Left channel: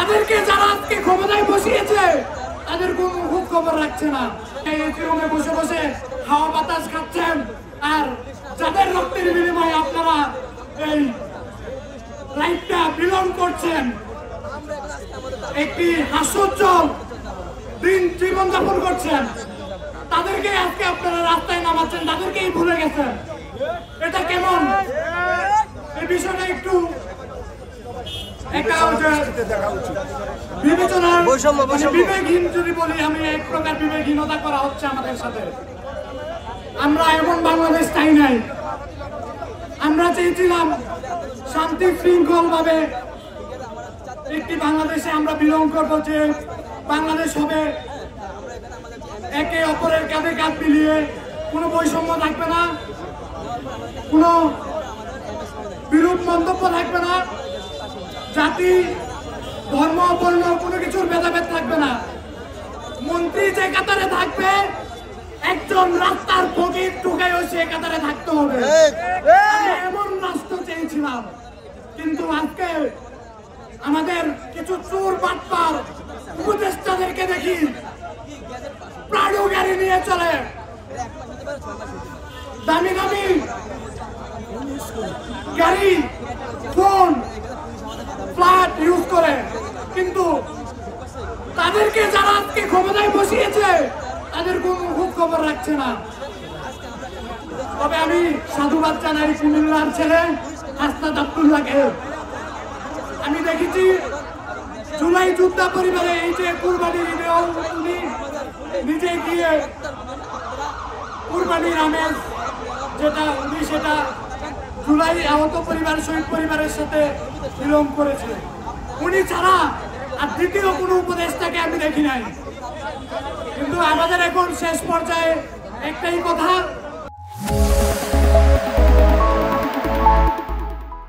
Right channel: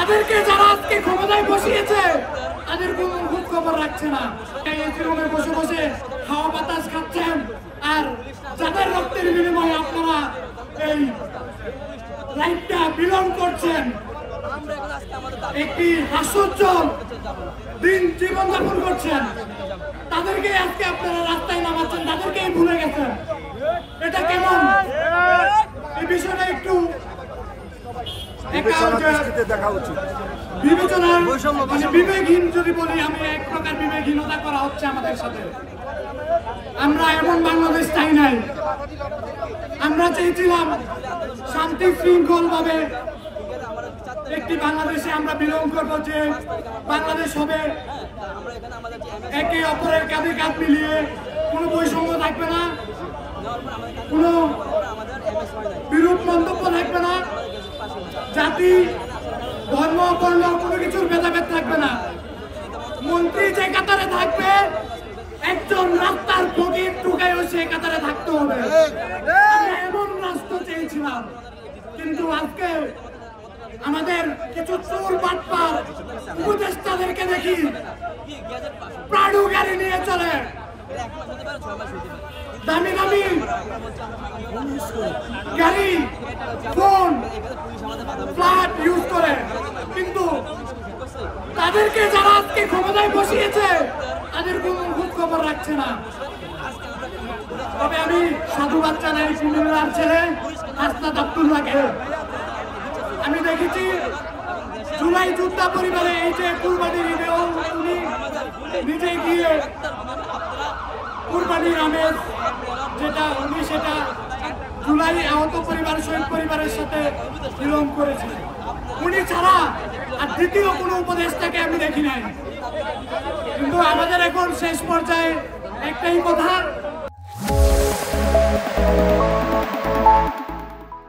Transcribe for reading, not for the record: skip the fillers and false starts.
তাদেরকে যারা আজকে ক্ষমতায় বসিয়েছে তাদের কোন খোঁজ খবর রাখছে না। এই রুমে বসে বসে হাওয়া বাতাস খাচ্ছেন, আর যাদের রক্তের বিনিময়ে আপনারা এই লাইফটা বিলং করছেন, একটি হাস্যোজ্জ্বল দিন জীবনযাপন করছেন, তাদেরকে আজকে আপনারা রাস্তায় নামাচ্ছেন, তাদেরকেই ভুলে গেছেন। এটা কেমন? এই বিষয়টা একটু বিবেচনার মানে বিবেকহীন যদি বলি, আমি এক প্রকার বিবেকহীনতা করা হচ্ছে আমাদের সাথে। আমরা এমন বাংলাদেশ চাই নাই। আমরা চেয়েছিলাম শান্তি শৃঙ্খল ভাবে একটি বাংলাদেশে আমরা বিলং করবো, যে বাংলাদেশ হবে একে অপরের কাঁধে কাঁধ মিলিয়ে, কোনো বৈষম্য থাকবে না, কোনো বিরূপ মন্তব্য থাকবে না, জাতি ধর্ম বর্ণ কোনো কিছুর ভেদাভেদ থাকবে না। মন্ত্রী যে কাতারে থাকবে, একজন রাস্তার ফকির টুকাইও সে কাতারে থাকতে হবে। এমন রাষ্ট্র চেয়েছিলাম, কিন্তু আজকে আমাদের কিছু চোর বাটপার উপদেষ্টাদেরকে দেখি প্রাণু গাড়ি নিয়ে চলে, দামি দামি গাড়ি, ফোন, ফ্ল্যাট ইউজ করে, কিন্তু তাদেরকে যারা আজকে ক্ষমতায় বসিয়েছে তাদের কোন খোঁজ খবর রাখছে না। তবে আমি সাধুবাদ জানাই কুমিল্লার ছেলে হাসনাত আব্দুল্লাহকে। আমি দেখেছি জুলাই যোদ্ধা পরিবারে এই যে কুরবানির ঈদে উনি নিজে গিয়ে কুরবানির আমেজ যেটা উনি সেটা জুলাই আহত পরিবার শহীদ পরিবারের সাথে বিলং করেছে। উনি ছাড়া আর দ্বিতীয় কোনো উপদেষ্টাকে আমি দেখি নাই। কিন্তু আমাদের এখন শেষ পর্যায়ে একটাই কথা,